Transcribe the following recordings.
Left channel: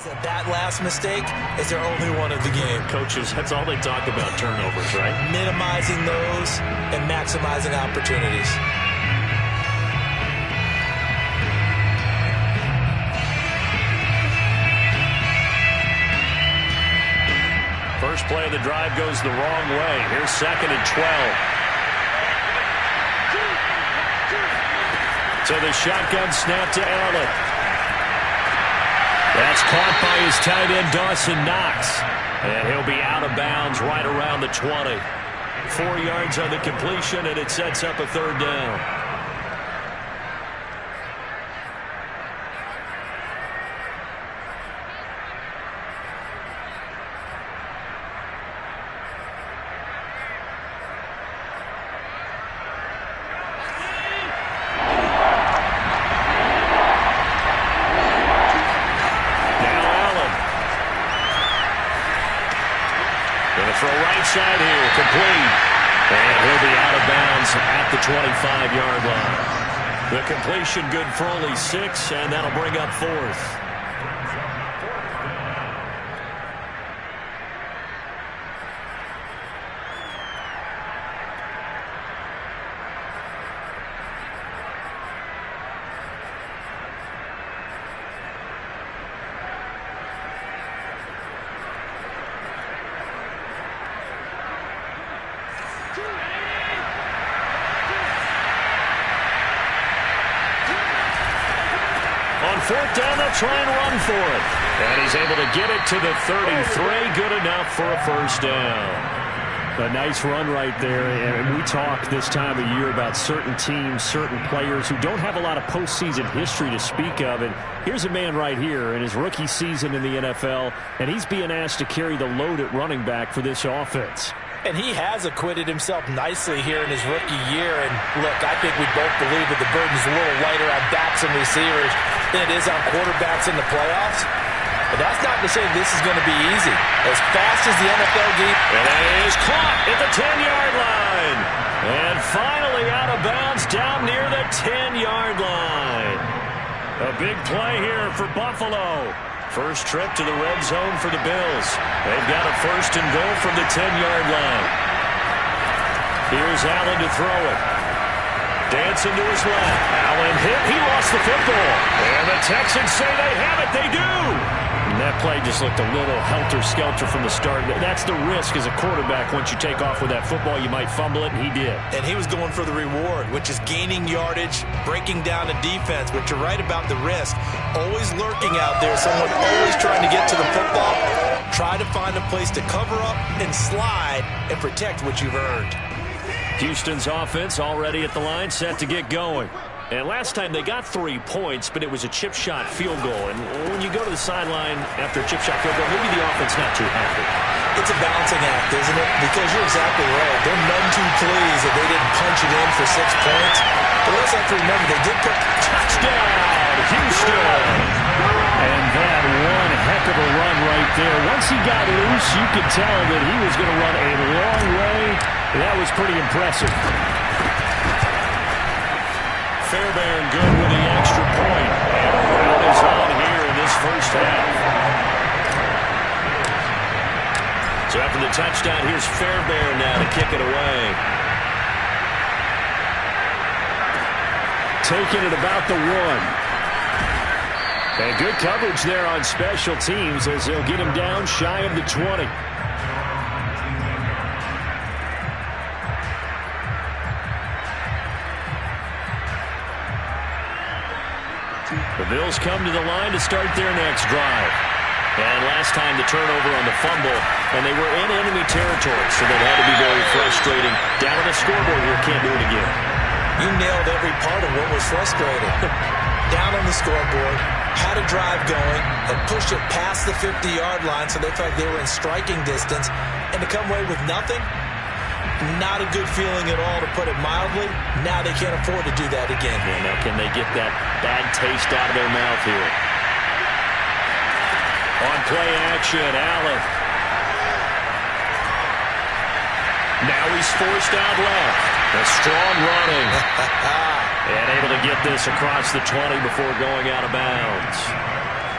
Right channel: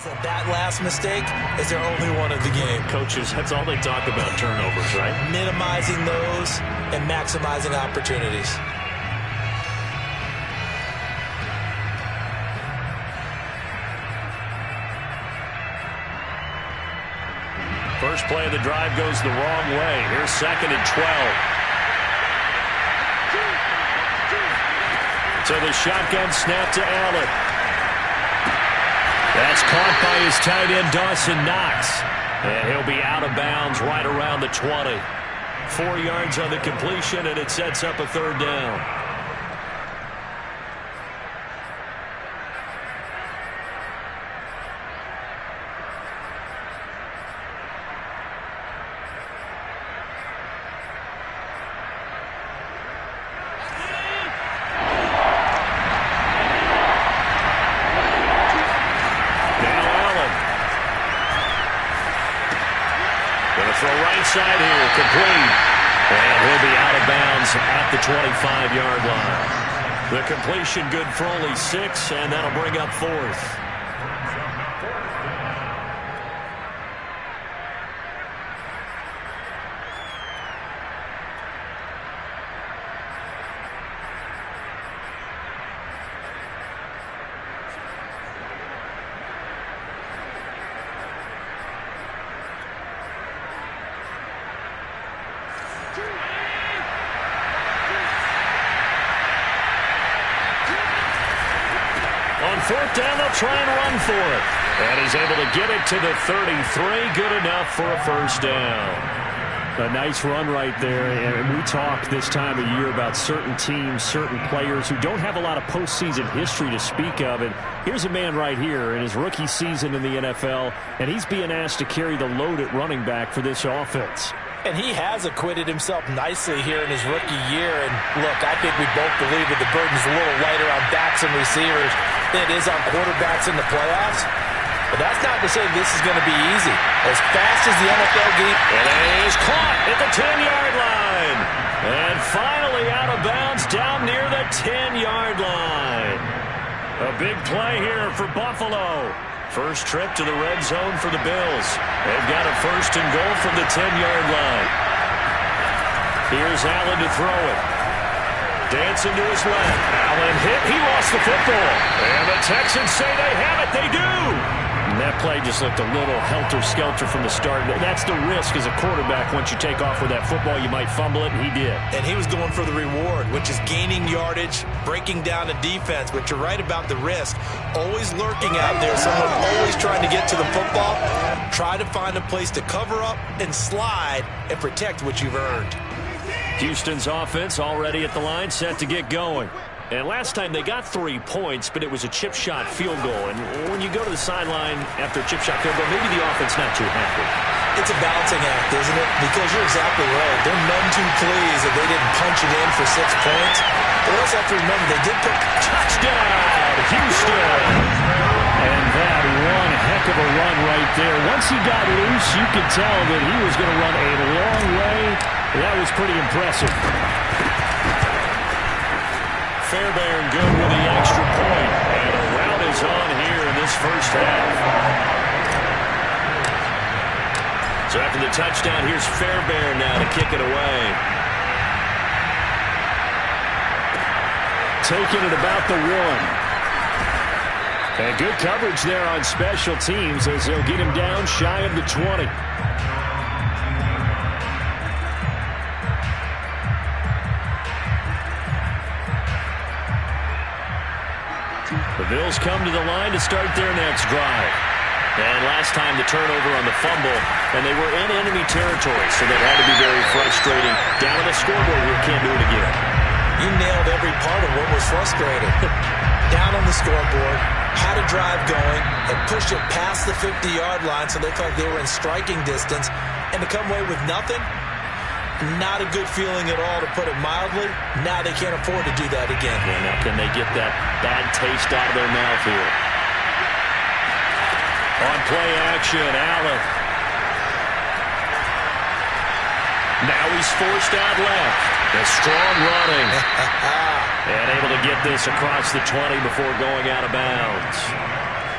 That last mistake is their only one of the game. Coaches, that's all they talk about, turnovers, right? Minimizing those and maximizing opportunities. First play of the drive goes the wrong way. Here's 2nd and 12. So the shotgun snap to Allen. That's caught by his tight end, Dawson Knox. And he'll be out of bounds right around the 20. 4 yards on the completion, and it sets up a 3rd down. Throw right side here, complete. And he'll be out of bounds at the 25-yard line. The completion good for only 6, and that'll bring up 4th. On 4th down, they'll try and run for it. And he's able to get it to the 33. Good enough for a 1st down. A nice run right there. And we talk this time of year about certain teams, certain players who don't have a lot of postseason history to speak of. And here's a man right here in his rookie season in the NFL, and he's being asked to carry the load at running back for this offense. And he has acquitted himself nicely here in his rookie year. And look, I think we both believe that the burden's a little lighter on backs and receivers than it is on quarterbacks in the playoffs. But that's not to say this is going to be easy. As fast as the NFL game. And it is caught at the 10-yard line. And finally out of bounds down near the 10-yard line. A big play here for Buffalo. First trip to the red zone for the Bills. They've got a 1st and goal from the 10-yard line. Here's Allen to throw it. Dancing to his left. Allen hit. He lost the football. And the Texans say they have it. They do. And that play just looked a little helter-skelter from the start. That's the risk as a quarterback. Once you take off with that football, you might fumble it, and he did. And he was going for the reward, which is gaining yardage, breaking down the defense. But you're right about the risk. Always lurking out there. Someone always trying to get to the football. Try to find a place to cover up and slide and protect what you've earned. Houston's offense already at the line, set to get going. And last time they got 3 points, but it was a chip shot field goal. And when you go to the sideline after a chip shot field goal, maybe the offense not too happy. It's a balancing act, isn't it? Because you're exactly right. They're none too pleased that they didn't punch it in for 6 points. But we also have to remember they did put touchdown, Houston. And that one heck of a run right there. Once he got loose, you could tell that he was going to run a long way. That was pretty impressive. Fairbairn good with the extra point. And a rout is on here in this first half. So after the touchdown, here's Fairbairn now to kick it away. Taking it about the 1. And good coverage there on special teams as they'll get him down shy of the 20. The Bills come to the line to start their next drive. And last time the turnover on the fumble, and they were in enemy territory, so that had to be very frustrating. Down on the scoreboard here, can't do it again. You nailed every part of what was frustrating. Down on the scoreboard, had a drive going, had pushed it past the 50-yard line, so they felt like they were in striking distance, and to come away with nothing, not a good feeling at all, to put it mildly. Now they can't afford to do that again. Yeah, now can they get that bad taste out of their mouth here? On play action, Allen. Now he's forced out left. A strong running. And able to get this across the 20 before going out of bounds.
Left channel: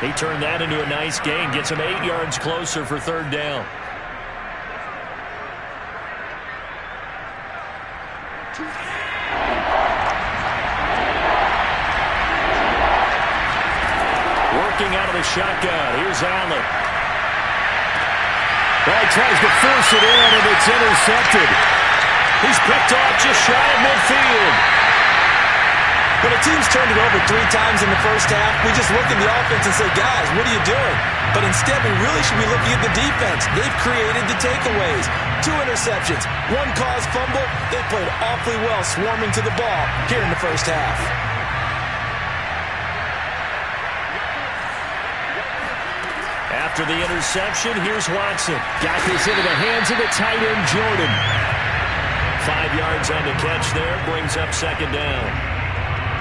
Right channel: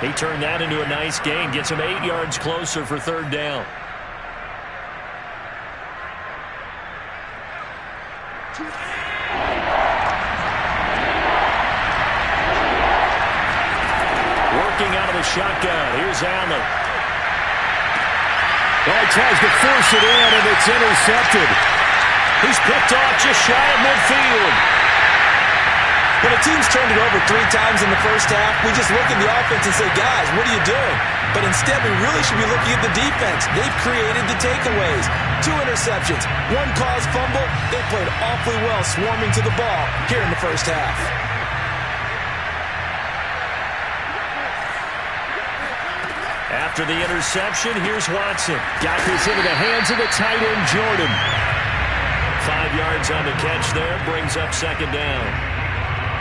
He turned that into a nice gain. Gets him 8 yards closer for third down. Working out of the shotgun. Here's Allen. Oh, he tries to force it in, and it's intercepted. He's picked off just shy of midfield. When a team's turned it over 3 times in the first half, we just look at the offense and say, guys, what are you doing? But instead, we really should be looking at the defense. They've created the takeaways. 2 interceptions, 1 caused fumble. They played awfully well swarming to the ball here in the first half. After the interception, here's Watson. Got this into the hands of the tight end, Jordan. 5 yards on the catch there, brings up second down.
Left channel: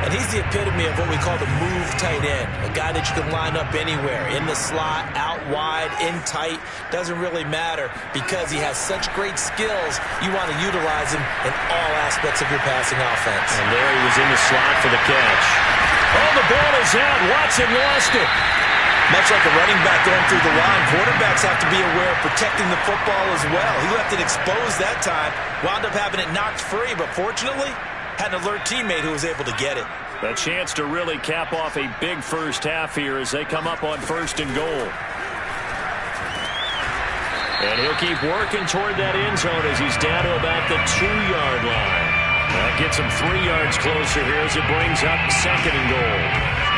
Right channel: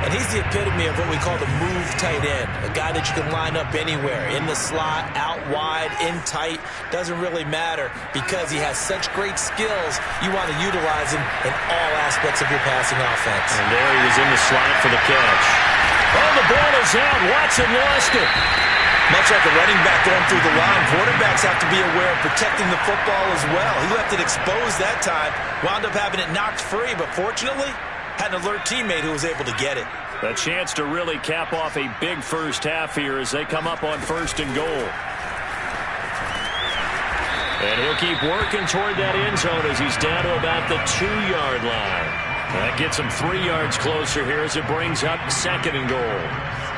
And he's the epitome of what we call the move tight end. A guy that you can line up anywhere. In the slot, out wide, in tight. Doesn't really matter because he has such great skills. You want to utilize him in all aspects of your passing offense. And there he was in the slot for the catch. Oh, the ball is out. Watson lost it. Much like a running back going through the line, quarterbacks have to be aware of protecting the football as well. He left it exposed that time, wound up having it knocked free, but fortunately, had an alert teammate who was able to get it. A chance to really cap off a big first half here as they come up on 1st and goal. And he'll keep working toward that end zone as he's down to about the 2-yard line. That gets him 3 yards closer here as it brings up 2nd and goal.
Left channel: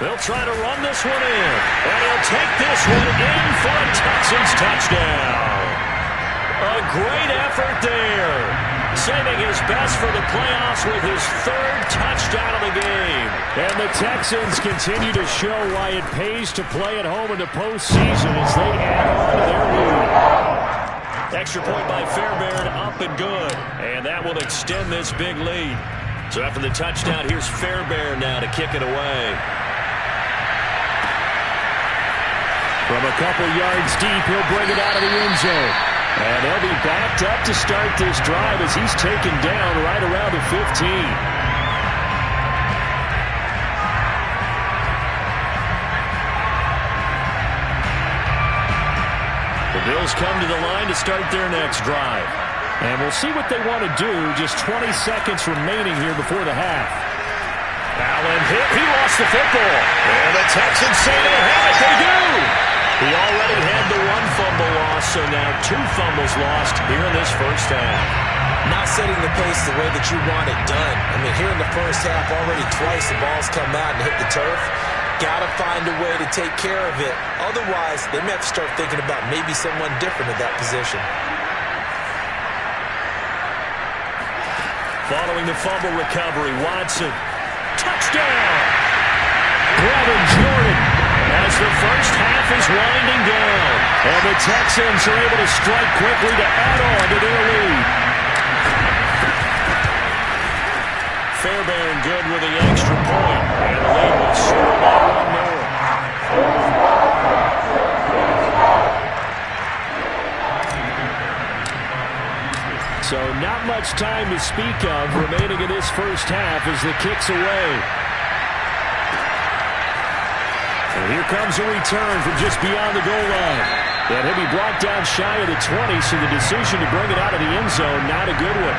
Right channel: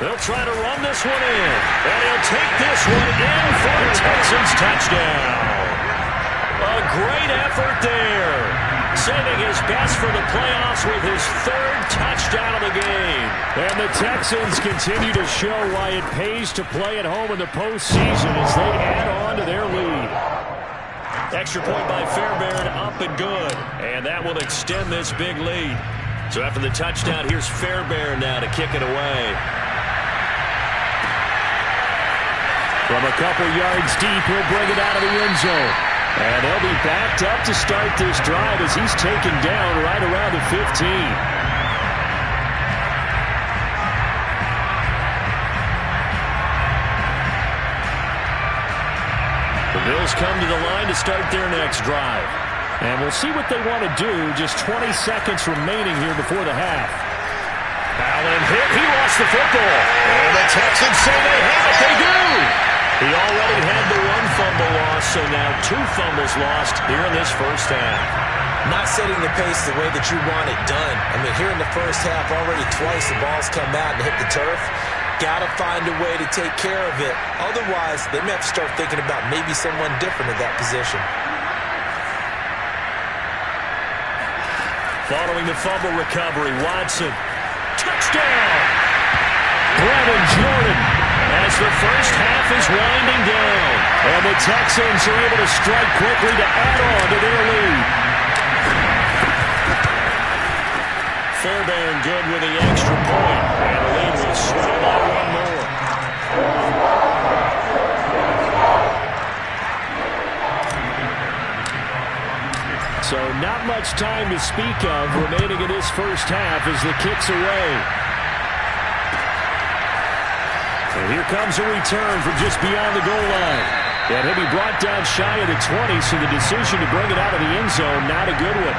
They'll try to run this one in, and he'll take this one in for a Texans touchdown. A great effort there, saving his best for the playoffs with his 3rd touchdown of the game. And the Texans continue to show why it pays to play at home in the postseason as they add on to their lead. Extra point by Fairbairn, up and good, and that will extend this big lead. So after the touchdown, here's Fairbairn now to kick it away. From a couple yards deep, he'll bring it out of the end zone. And they'll be backed up to start this drive as he's taken down right around the 15. The Bills come to the line to start their next drive. And we'll see what they want to do. Just 20 seconds remaining here before the half. Allen hit. He lost the football. And the Texans say they have it. They do. He already had the 1 fumble loss, so now 2 fumbles lost here in this first half. Not setting the pace the way that you want it done. I mean, here in the first half, already twice the ball's come out and hit the turf. Got to find a way to take care of it. Otherwise, they may have to start thinking about maybe someone different at that position. Following the fumble recovery, Watson. Touchdown! Brevin Jordan. As the first half is winding down. And the Texans are able to strike quickly to add on to their lead. Fairbairn good with the extra point. And the lead will swell by 1 more. So not much time to speak of remaining in this first half as the kick's away. And here comes a return from just beyond the goal line. And he'll be brought down shy of the 20, so the decision to bring it out of the end zone, not a good one.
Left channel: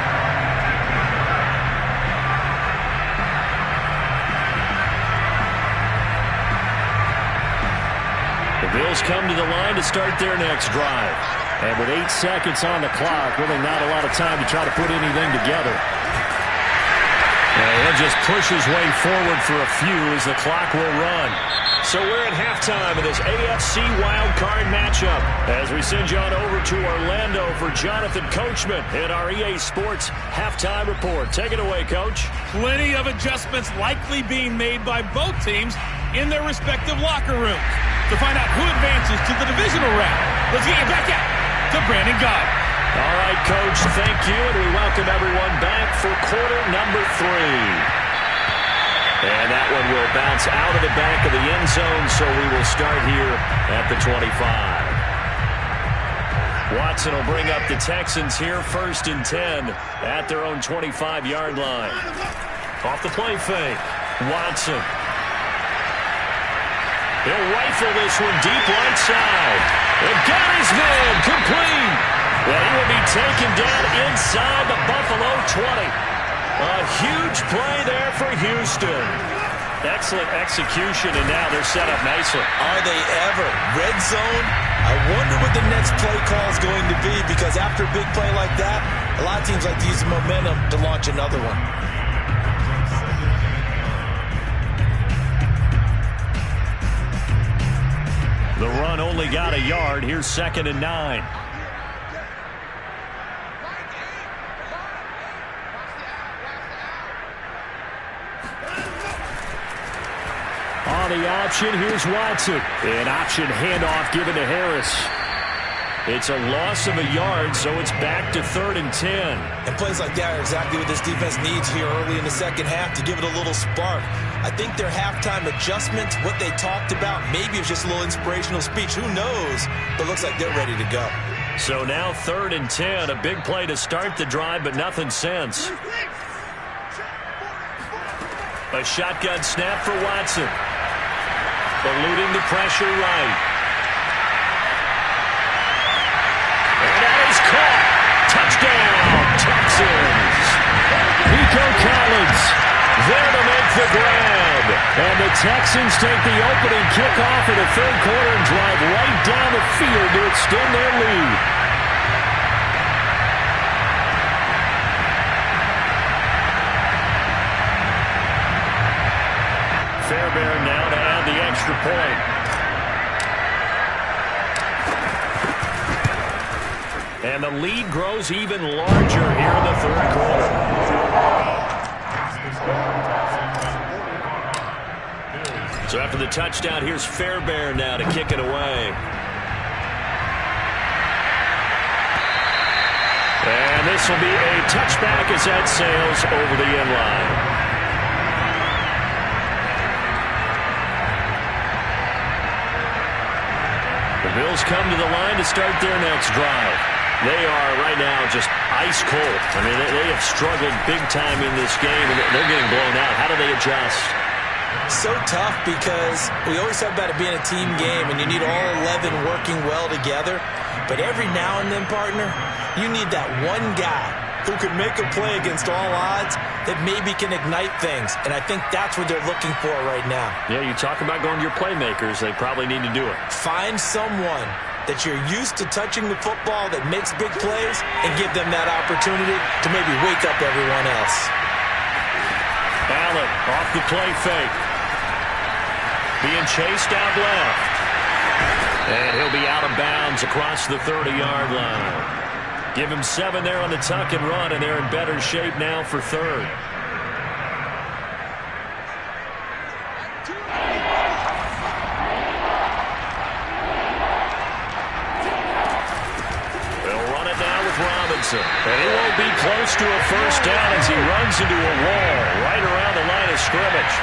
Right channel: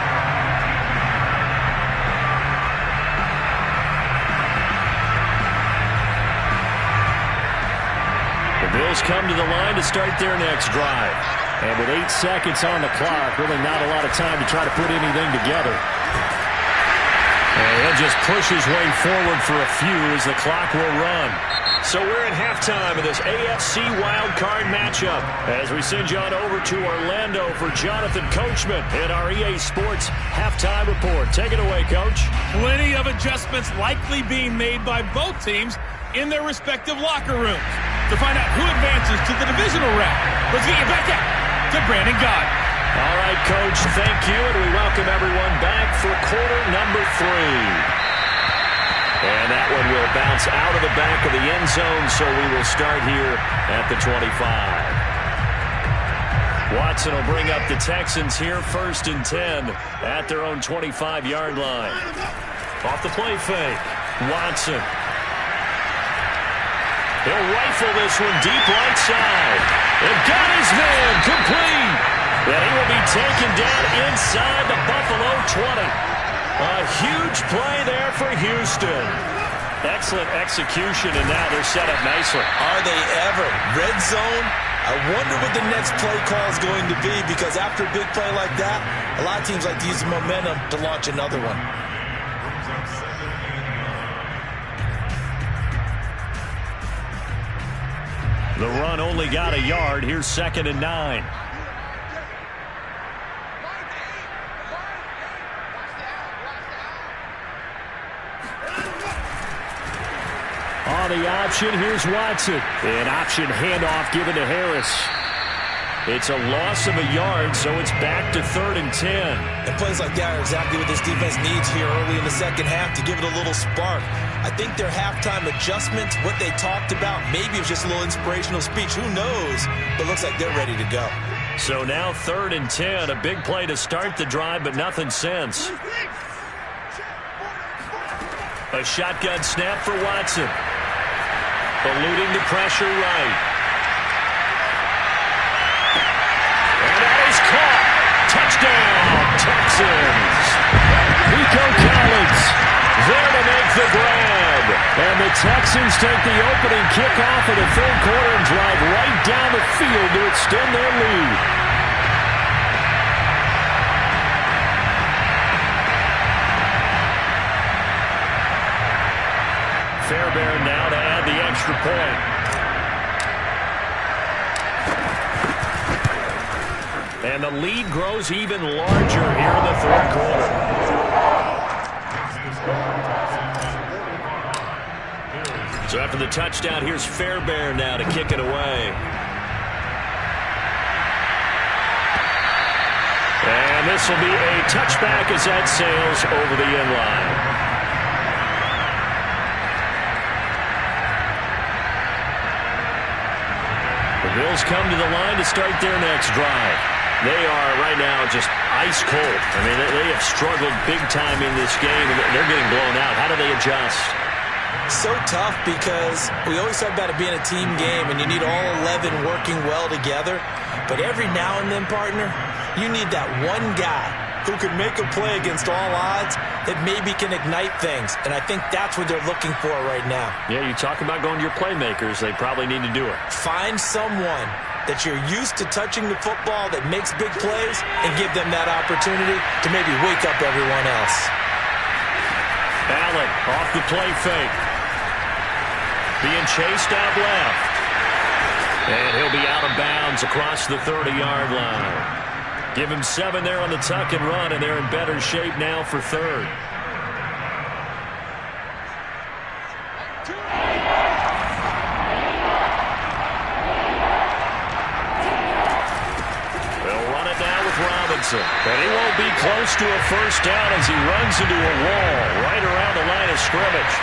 The Bills come to the line to start their next drive. And with 8 seconds on the clock, really not a lot of time to try to put anything together. And he'll just push his way forward for a few as the clock will run. So we're at halftime of this AFC wildcard matchup as we send you on over to Orlando for Jonathan Coachman in our EA Sports halftime report. Take it away, Coach. Plenty of adjustments likely being made by both teams in their respective locker rooms. To find out who advances to the divisional round, let's get you back out to Brandon Gaudin. All right, Coach, thank you, and we welcome everyone back for quarter number 3. And that one will bounce out of the back of the end zone, so we will start here at the 25. Watson will bring up the Texans here, 1st and 10 at their own 25-yard line. Off the play fake, Watson. He'll rifle this one deep right side. They've got his man complete. And he will be taken down inside the Buffalo 20. A huge play there for Houston. Excellent execution, and now they're set up nicely. Are they ever? Red zone? I wonder what the next play call is going to be, because after a big play like that, a lot of teams like to use the momentum to launch another one. The run only got a yard. Here's 2nd and 9. On the option, here's Watson. An option handoff given to Harris. It's a loss of a yard, so it's back to 3rd and 10. And plays like that are exactly what this defense needs here early in the second half to give it a little spark. I think their halftime adjustment, what they talked about, maybe it was just a little inspirational speech. Who knows? But looks like they're ready to go. So now 3rd and 10. A big play to start the drive, but nothing since. A shotgun snap for Watson. Eluding the pressure right. And that is caught. Touchdown, Texans. Nico Collins there to make the grab. And the Texans take the opening kickoff of the 3rd quarter and drive right down the field to extend their lead. Fairbairn now to add the extra point. And the lead grows even larger here in the 3rd quarter. So after the touchdown, here's Fairbairn now to kick it away. And this will be a touchback as that sails over the end line. The Bills come to the line to start their next drive. They are right now just ice cold. I mean, they have struggled big time in this game, and they're getting blown out. How do they adjust? So tough, because we always talk about it being a team game, and you need all 11 working well together. But every now and then, partner, you need that one guy who can make a play against all odds that maybe can ignite things. And I think that's what they're looking for right now. Yeah, you talk about going to your playmakers. They probably need to do it. Find someone that you're used to touching the football that makes big plays and give them that opportunity to maybe wake up everyone else. Allen off the play fake. Being chased out left. And he'll be out of bounds across the 30-yard line. Give him 7 there on the tuck and run, and they're in better shape now for 3rd. They'll run it now with Robinson. And he won't be close to a first down as he runs into a wall right around the line of scrimmage.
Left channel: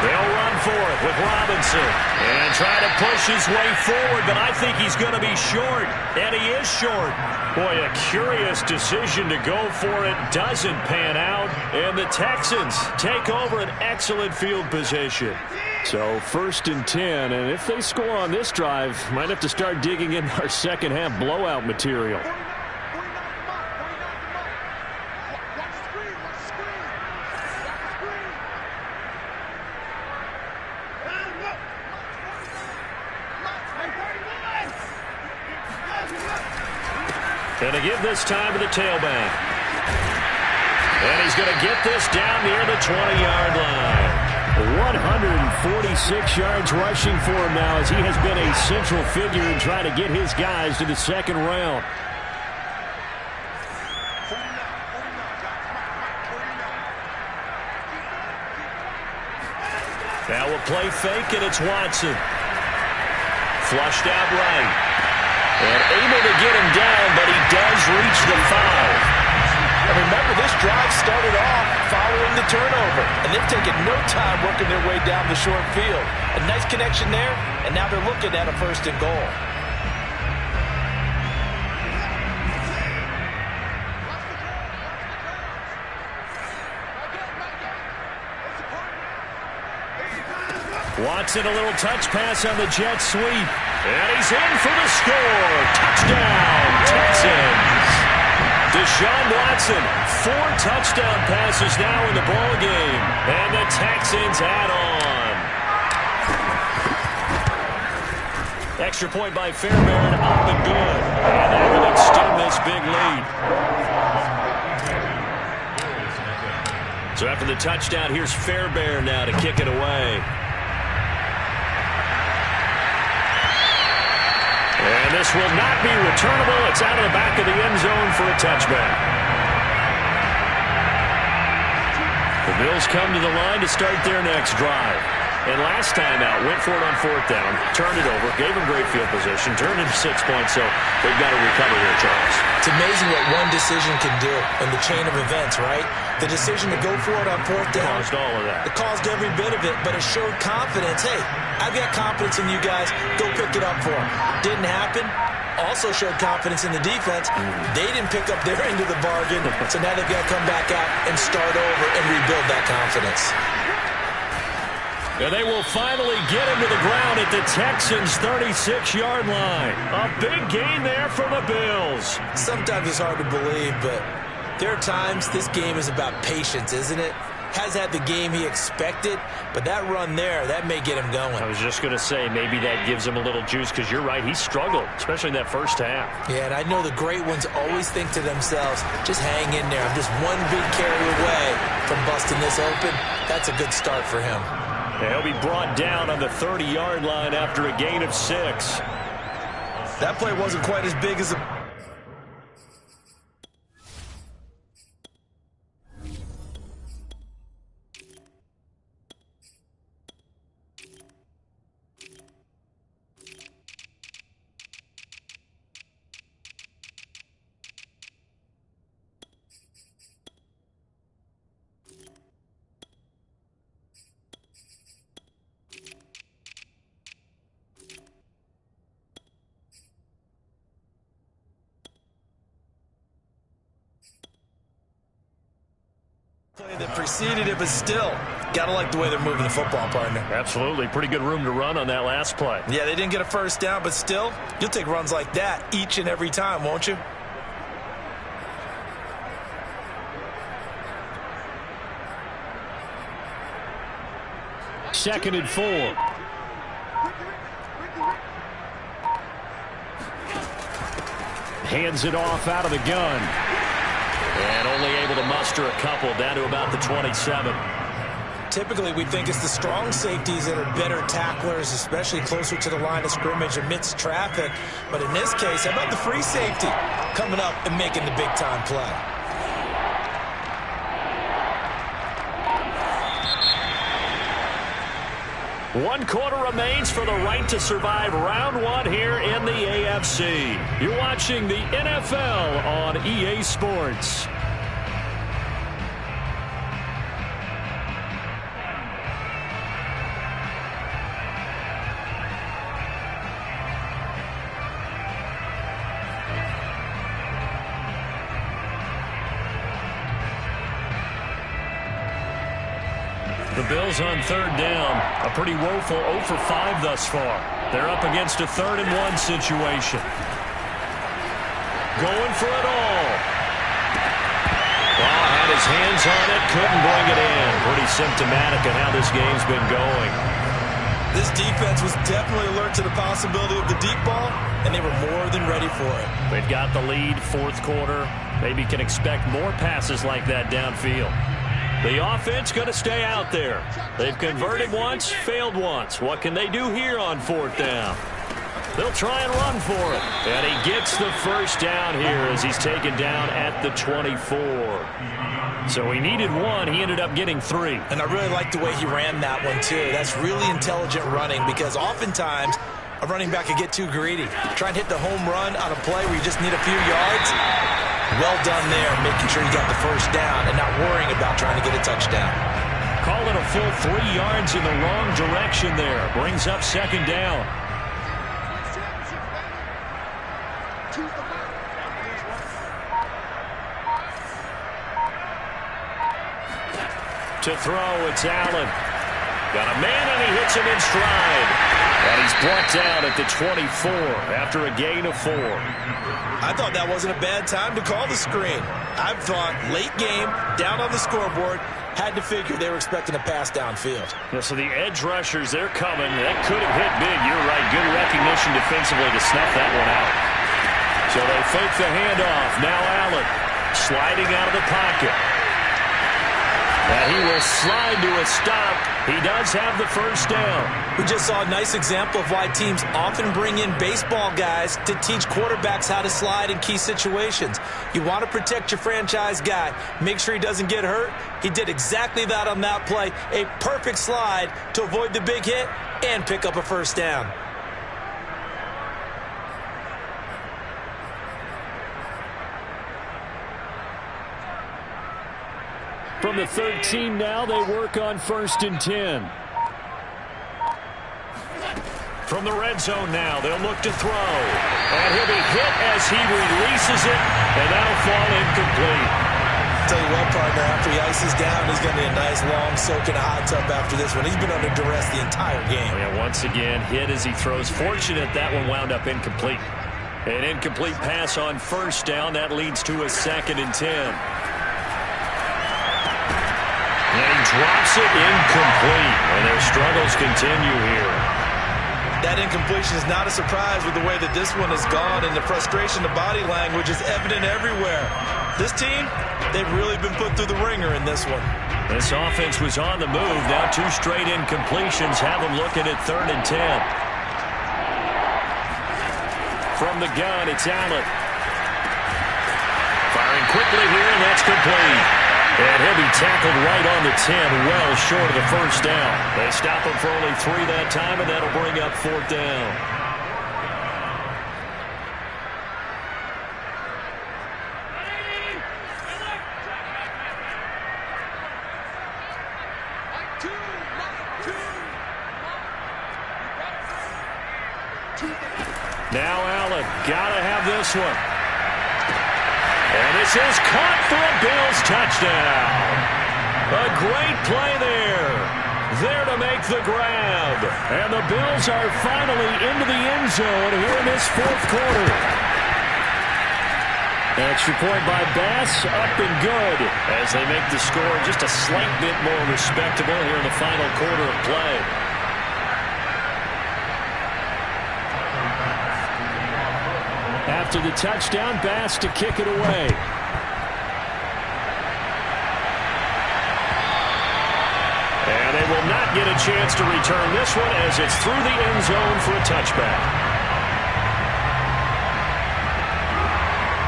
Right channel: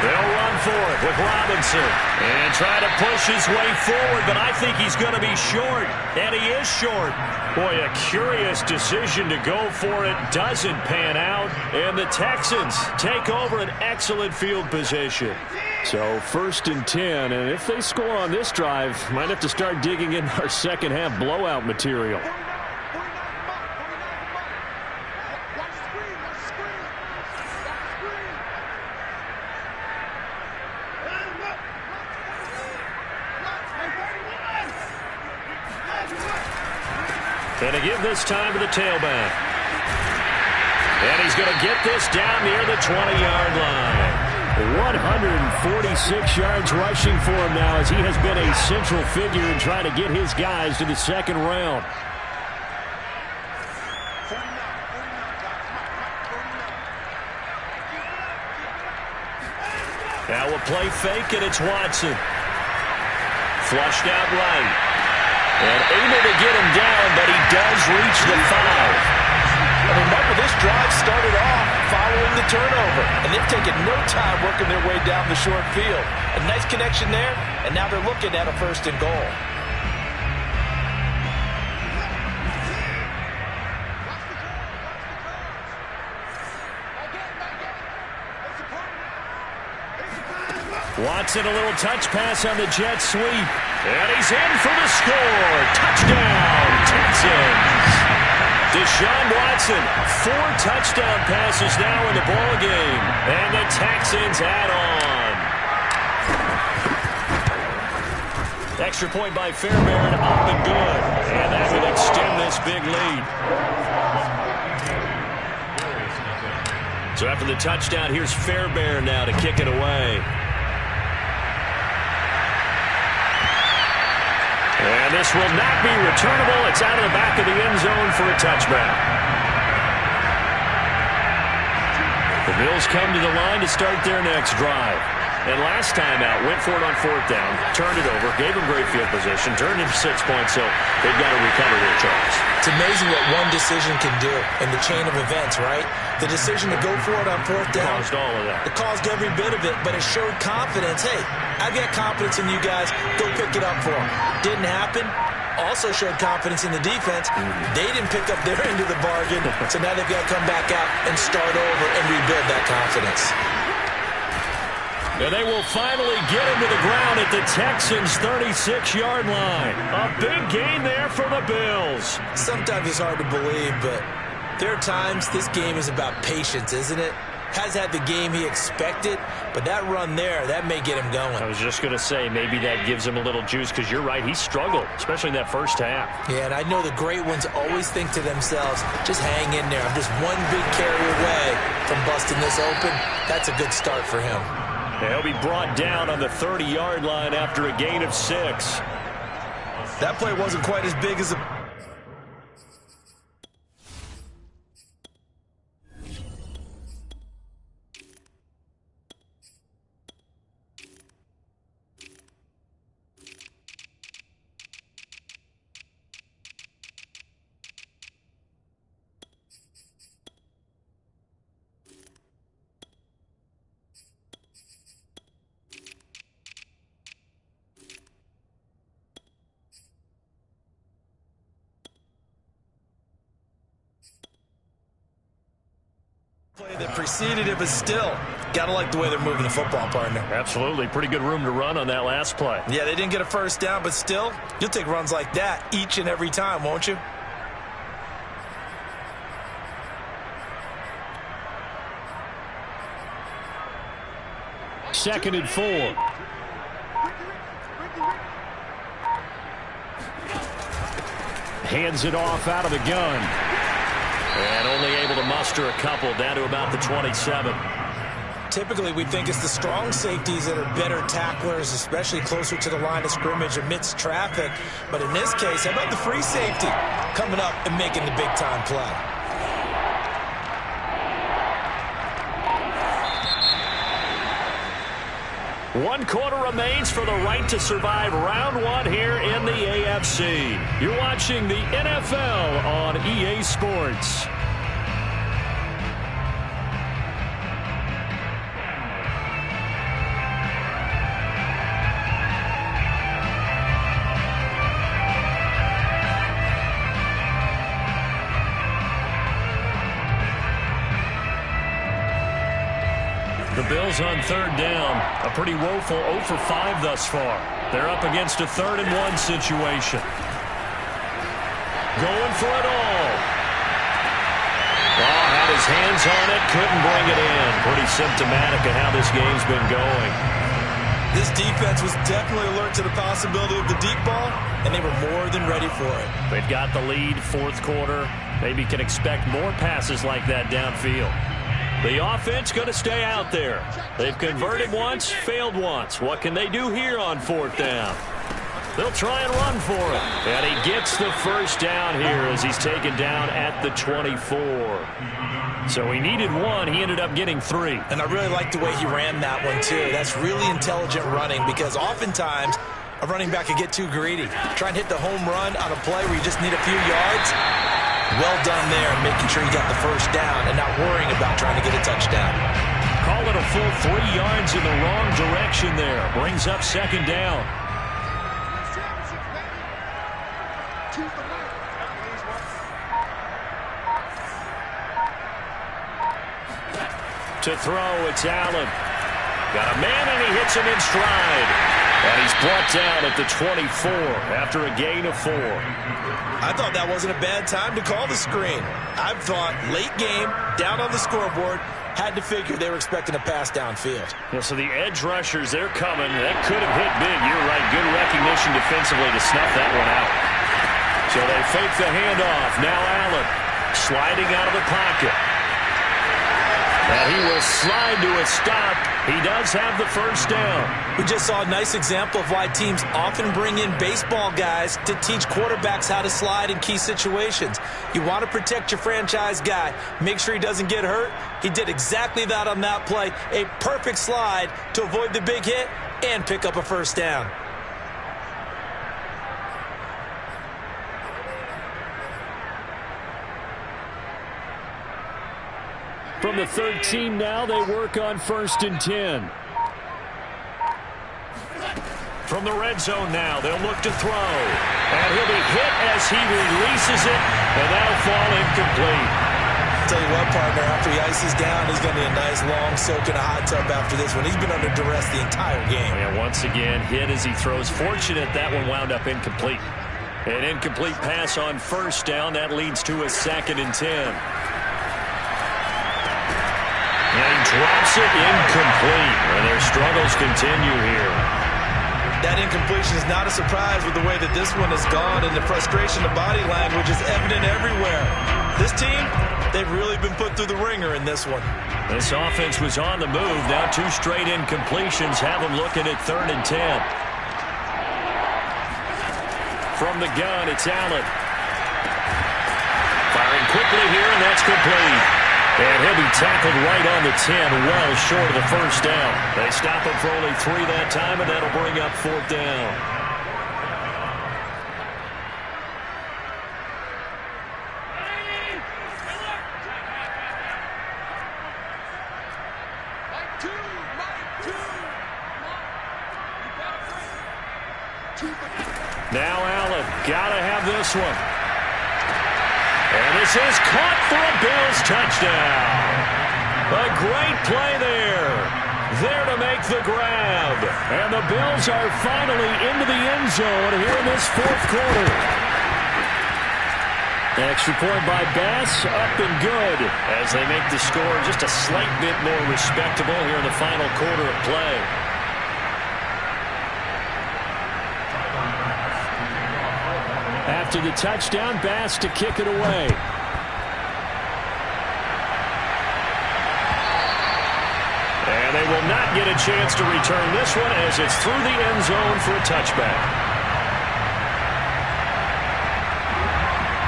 They'll run for it with Robinson and try to push his way forward, but I think he's going to be short, and he is short. Boy, a curious decision to go for it. Doesn't pan out, and the Texans take over an excellent field position. So 1st and 10, and if they score on this drive, might have to start digging in our second half blowout material. And to give this time to the tailback. And he's going to get this down near the 20-yard line. 146 yards rushing for him now, as he has been a central figure in trying to get his guys to the 2nd round. Now a play fake, and it's Watson. Flushed out right. And able to get him down, but he does reach the 5. And remember, this drive started off following the turnover, and they've taken no time working their way down the short field. A nice connection there, and now they're looking at a 1st and goal. Watson, a little touch pass on the jet sweep. And he's in for the score. Touchdown, Texans. Deshaun Watson, 4 touchdown passes now in the ballgame. And the Texans add on. Extra point by Fairbairn, up and good. And that will extend this big lead. So after the touchdown, here's Fairbairn now to kick it away. And this will not be returnable. It's out of the back of the end zone for a touchback. The Bills come to the line to start their next drive. And last time out, went for it on 4th down, turned it over, gave them great field position, turned into 6 points, so they've got to recover here, Charles. It's amazing what one decision can do in the chain of events, right? The decision to go for it on 4th down. Caused all of that. It caused every bit of it, but it showed confidence. Hey, I've got confidence in you guys. Go pick it up for them. Didn't happen. Also showed confidence in the defense. They didn't pick up their end of the bargain, so now they've got to come back out and start over and rebuild that confidence. And they will finally get him to the ground at the Texans' 36-yard line. A big gain there for the Bills. Sometimes it's hard to believe, but there are times this game is about patience, isn't it? Has had the game he expected, but that run there, that may get him going. I was just going to say, maybe that gives him a little juice, because you're right, he struggled, especially in that first half. Yeah, and I know the great ones always think to themselves, just hang in there. I'm just one big carry away from busting this open. That's a good start for him. And he'll be brought down on the 30-yard line after a gain of 6. That play wasn't quite as big as a... play that preceded it, but still, gotta like the way they're moving the football, partner. Absolutely. Pretty good room to run on that last play. Yeah, they didn't get a 1st down, but still, you'll take runs like that each and every time, won't you? Second and 4. Hands it off out of the gun. And only able to muster a couple, down to about the 27. Typically, we think it's the strong safeties that are better tacklers, especially closer to the line of scrimmage amidst traffic. But in this case, how about the free safety coming up and making the big-time play? One quarter remains for the right to survive round 1 here in the AFC. You're watching the NFL on EA Sports. The Bills on 3rd down. A pretty woeful 0 for 5 thus far. They're up against a 3rd and 1 situation. Going for it all. Oh, had his hands on it, couldn't bring it in. Pretty symptomatic of how this game's been going. This defense was definitely alert to the possibility of the deep ball, and they were more than ready for it. They've got the lead, 4th quarter. Maybe can expect more passes like that downfield. The offense going to stay out there. They've converted once, failed once. What can they do here on 4th down? They'll try and run for it. And he gets the 1st down here as he's taken down at the 24. So he needed 1. He ended up getting 3. And I really like the way he ran that one, too. That's really intelligent running, because oftentimes a running back can get too greedy. Try and hit the home run on a play where you just need a few yards. Well done there, making sure he got the first down and not worrying about trying to get a touchdown. Call it a full 3 yards in the wrong direction there. Brings up second down. To throw, it's Allen. Got a man, and he hits him in stride. And he's brought down at the 24 after a gain of 4. I thought that wasn't a bad time to call the screen. I thought late game, down on the scoreboard, had to figure they were expecting a pass downfield. Yeah, so the edge rushers, they're coming. That could have hit big. You're right. Good recognition defensively to snuff that one out. So they fake the handoff. Now Allen sliding out of the pocket. And he will slide to a stop. He does have the first down. We just saw a nice example of why teams often bring in baseball guys to teach quarterbacks how to slide in key situations. You want to protect your franchise guy. Make sure he doesn't get hurt. He did exactly that on that play. A perfect slide to avoid the big hit and pick up a first down. From the 13 now, they work on 1st and 10. From the red zone now, they'll look to throw. And he'll be hit as he releases it, and that'll fall incomplete. Tell you what, partner, after he ices down, he's going to need a nice long soak in a hot tub after this one. He's been under duress the entire game. Oh, yeah, once again, hit as he throws. Fortunate that one wound up incomplete. An incomplete pass on first down. That leads to a 2nd and 10. And he drops it incomplete, and their struggles continue here. That incompletion is not a surprise with the way that this one has gone, and the frustration, the body language is evident everywhere. This team, they've really been put through the ringer in this one. This offense was on the move. Now 2 straight incompletions have them looking at 3rd and 10. From the gun, it's Allen. Firing quickly here, and that's complete. And he'll be tackled right on the 10, well short of the first down. They stop him for only 3 that time, and that'll bring up 4th down. Now Allen, gotta have this one. And this is caught for a Bills touchdown. A great play there. There to make the grab. And the Bills are finally into the end zone here in this 4th quarter. An extra point by Bass, up and good. As they make the score just a slight bit more respectable here in the final quarter of play. After the touchdown, Bass to kick it away. And they will not get a chance to return this one as it's through the end zone for a touchback.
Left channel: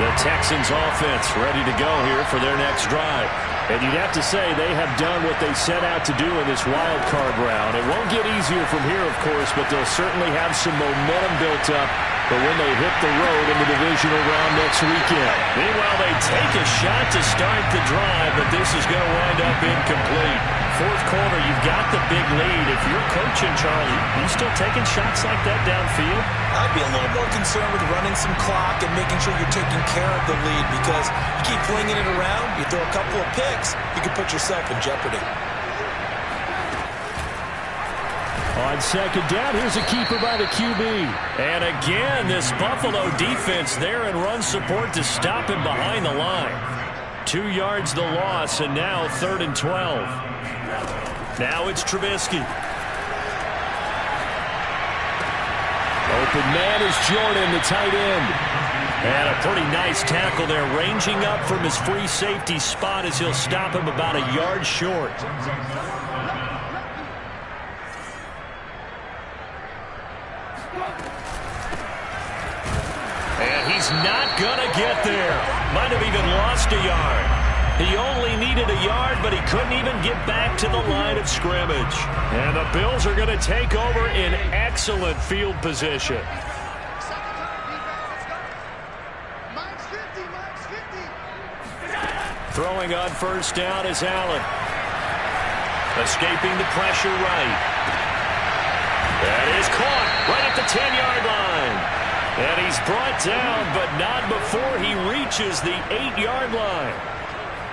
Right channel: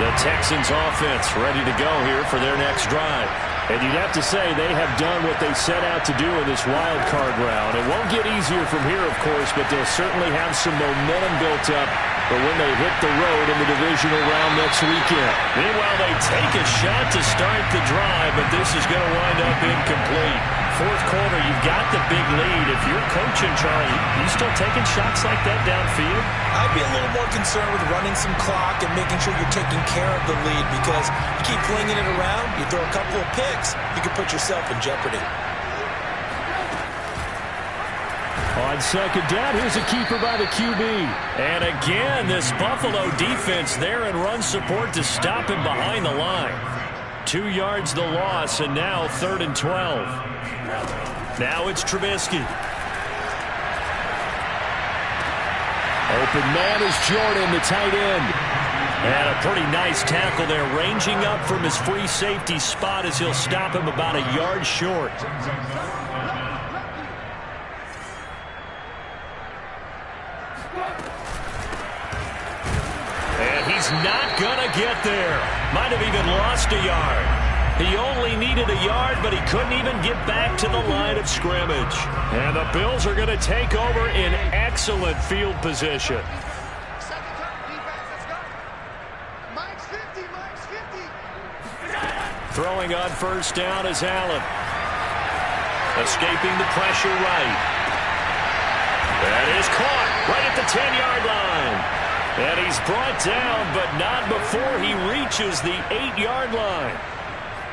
The Texans offense ready to go here for their next drive. And you'd have to say they have done what they set out to do in this wild card round. It won't get easier from here, of course, but they'll certainly have some momentum built up for when they hit the road in the divisional round next weekend. Meanwhile, they take a shot to start the drive, but this is going to wind up incomplete. 4th quarter, you've got the big lead. If you're coaching, Charlie, you still taking shots like that downfield? I'd be a little more concerned with running some clock and making sure you're taking care of the lead, because you keep flinging it around, you throw a couple of picks, you can put yourself in jeopardy. On 2nd down, here's a keeper by the QB. And again, this Buffalo defense there in run support to stop him behind the line. 2 yards the loss, and now 3rd and 12. Now it's Trubisky. Open man is Jordan, the tight end. And a pretty nice tackle there, ranging up from his free safety spot as he'll stop him about a yard short. And he's not going to get there. Might have even lost a yard. He only needed a yard, but he couldn't even get back to the line of scrimmage. And the Bills are going to take over in excellent field position. Second time, defense, let's go. Mike's 50, Mike's 50. Throwing on first down is Allen. Escaping the pressure right. That is caught right at the 10-yard line. And he's brought down, but not before he reaches the 8-yard line.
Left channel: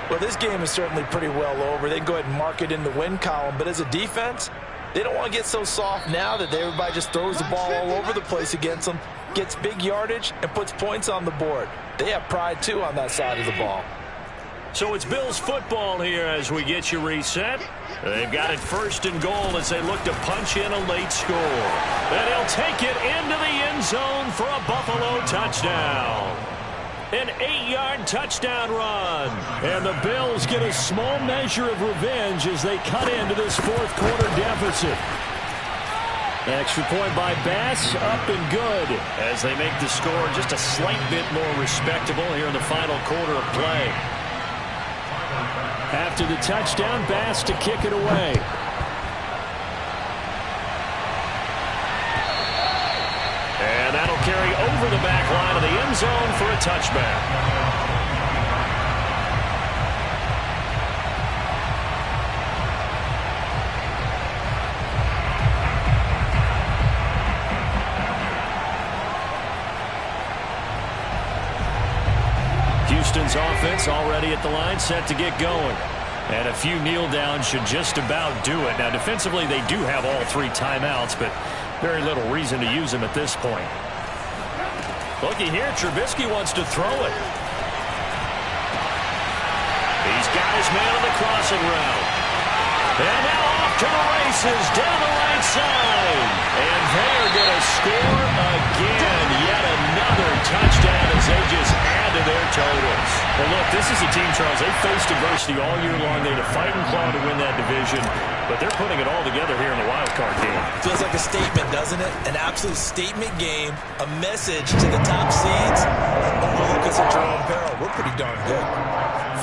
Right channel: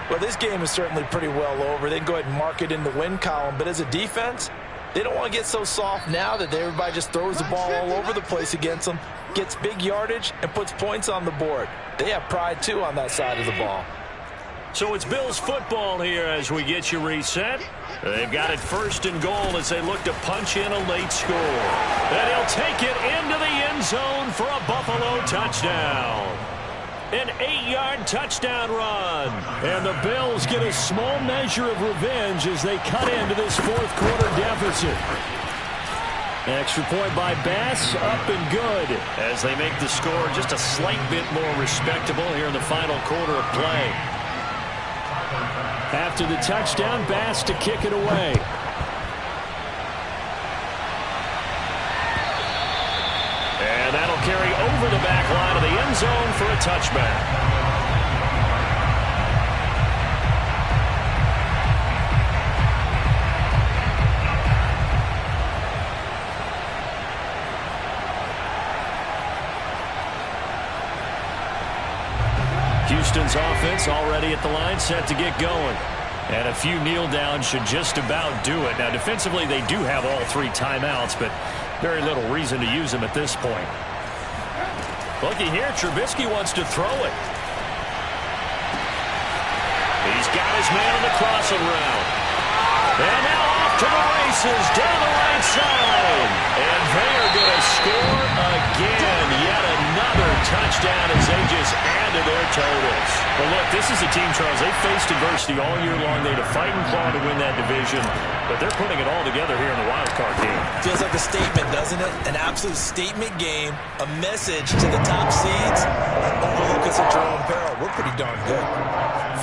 Well, this game is certainly pretty well over. They can go ahead and mark it in the win column. But as a defense, they don't want to get so soft now that everybody just throws the ball all over the place against them, gets big yardage, and puts points on the board. They have pride, too, on that side of the ball. So it's Bills football here as we get you reset. They've got it first and goal as they look to punch in a late score. And he'll take it into the end zone for a Buffalo touchdown. An 8-yard touchdown run. And the Bills get a small measure of revenge as they cut into this fourth quarter deficit. Extra point by Bass, up and good, as they make the score just a slight bit more respectable here in the final quarter of play. After the touchdown, Bass to kick it away. And that'll carry over the back line of the end zone for a touchback. Houston's offense already at the line, set to get going. And a few kneel downs should just about do it. Now, defensively, they do have all 3 timeouts, but very little reason to use them at this point. Looky here, Trubisky wants to throw it. He's got his man on the crossing route. And now off to the races, down the right side. And they are going to score again. Yet another touchdown as they just add to their totals. Well, look, this is a team, Charles, they faced adversity all year long. They had to fight and claw to win that division. But they're putting it all together here in the wild card game. Feels like a statement, doesn't it? An absolute statement game. A message to the top seeds. Oh, look at Jerome Barrow. We're pretty darn good.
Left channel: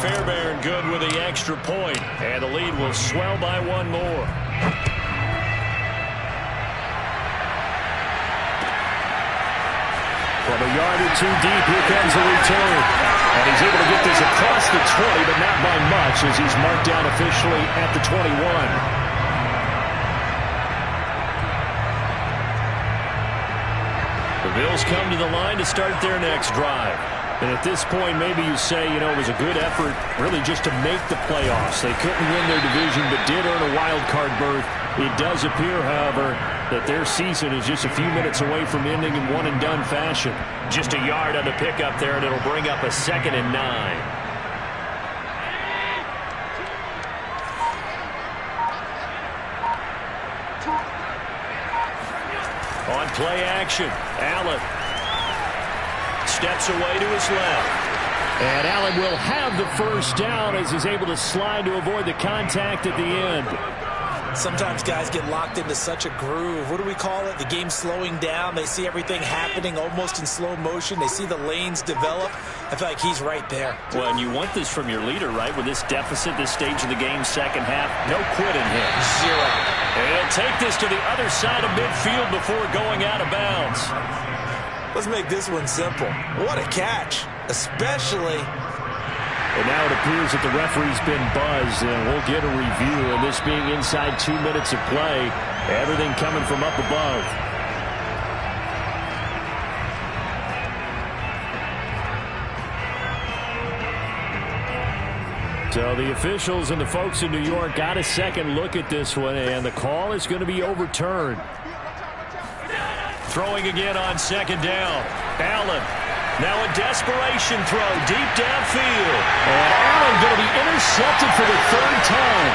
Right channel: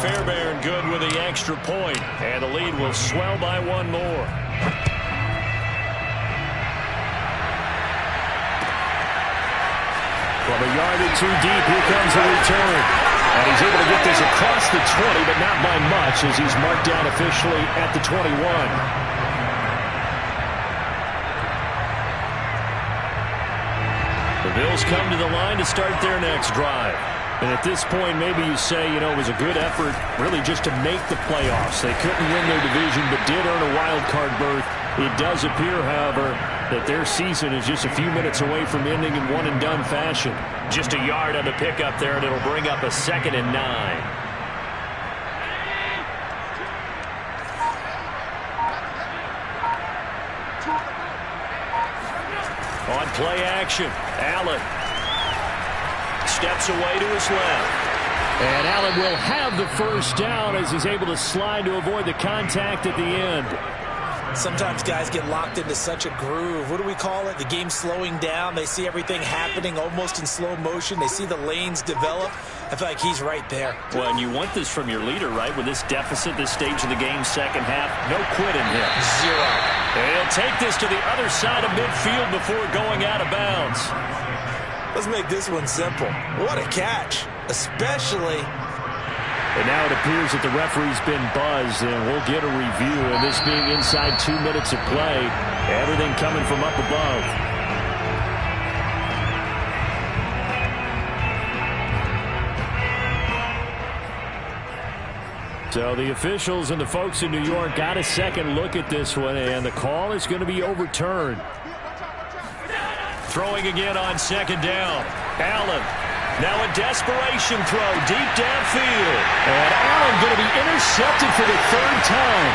Fairbairn good with the extra point, and the lead will swell by 1 more. From a yard or 2 deep, here comes the return. And he's able to get this across the 20, but not by much as he's marked down officially at the 21. The Bills come to the line to start their next drive. And at this point, maybe you say, you know, it was a good effort really just to make the playoffs. They couldn't win their division, but did earn a wild card berth. It does appear, however, that their season is just a few minutes away from ending in one-and-done fashion. Just a yard on the pickup there, and it'll bring up a 2nd and 9. On play action, Allen steps away to his left. And Allen will have the first down as he's able to slide to avoid the contact at the end. Sometimes guys get locked into such a groove. What do we call it? The game slowing down. They see everything happening almost in slow motion. They see the lanes develop. I feel like he's right there. Well, and you want this from your leader, right? With this deficit, this stage of the game, second half, no quitting him. 0. And he'll take this to the other side of midfield before going out of bounds. Let's make this one simple. What a catch, especially. And now it appears that the referee's been buzzed, and we'll get a review. And this being inside 2 minutes of play, everything coming from up above. So the officials and the folks in New York got a second look at this one, and the call is going to be overturned. Throwing again on 2nd down. Allen. Now a desperation throw deep downfield. And Allen going to be intercepted for the 3rd time.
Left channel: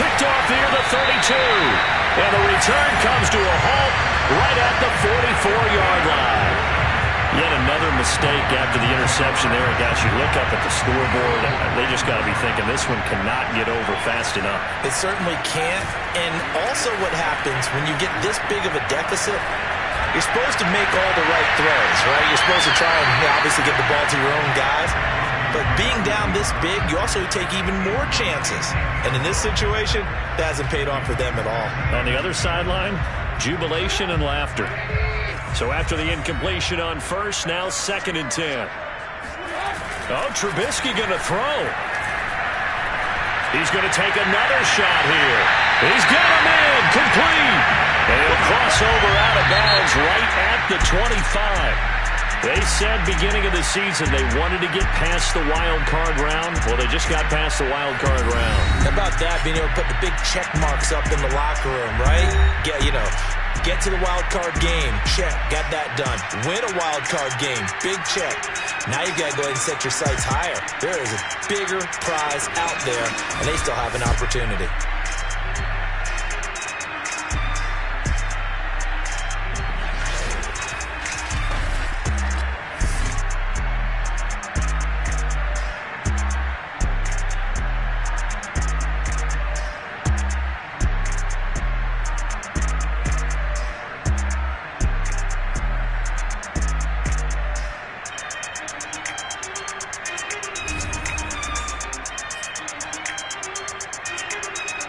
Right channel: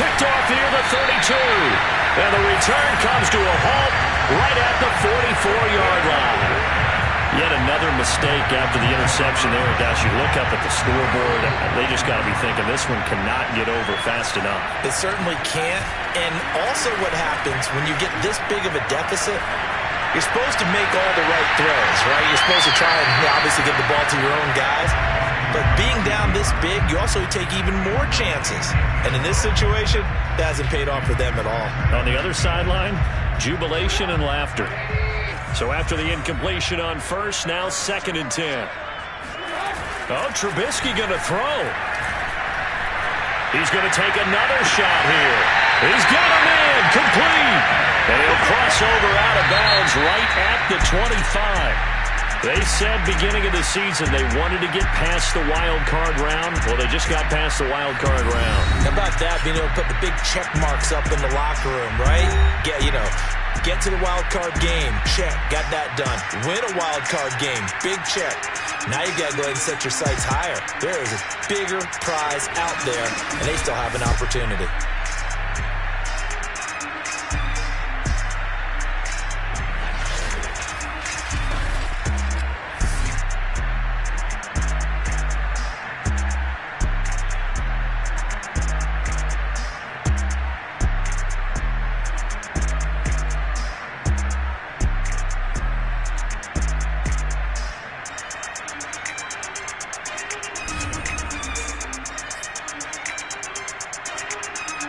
Picked off near the 32. And the return comes to a halt right at the 44-yard line. Yet another mistake after the interception there. And gosh, you look up at the scoreboard, they just got to be thinking this one cannot get over fast enough. It certainly can't. And also what happens when you get this big of a deficit, you're supposed to make all the right throws, right? You're supposed to try and obviously get the ball to your own guys. But being down this big, you also take even more chances. And in this situation, that hasn't paid off for them at all. On the other sideline, jubilation and laughter. So after the incompletion on first, now 2nd and 10. Oh, Trubisky going to throw. He's going to take another shot here. He's got him in, complete. And he'll cross over out of bounds right at the 25. They said beginning of the season they wanted to get past the wild card round. Well, they just got past the wild card round. How about that, being able to put the big check marks up in the locker room, right? Get to the wild card game. Check. Got that done. Win a wild card game. Big check. Now you've got to go ahead and set your sights higher. There is a bigger prize out there, and they still have an opportunity.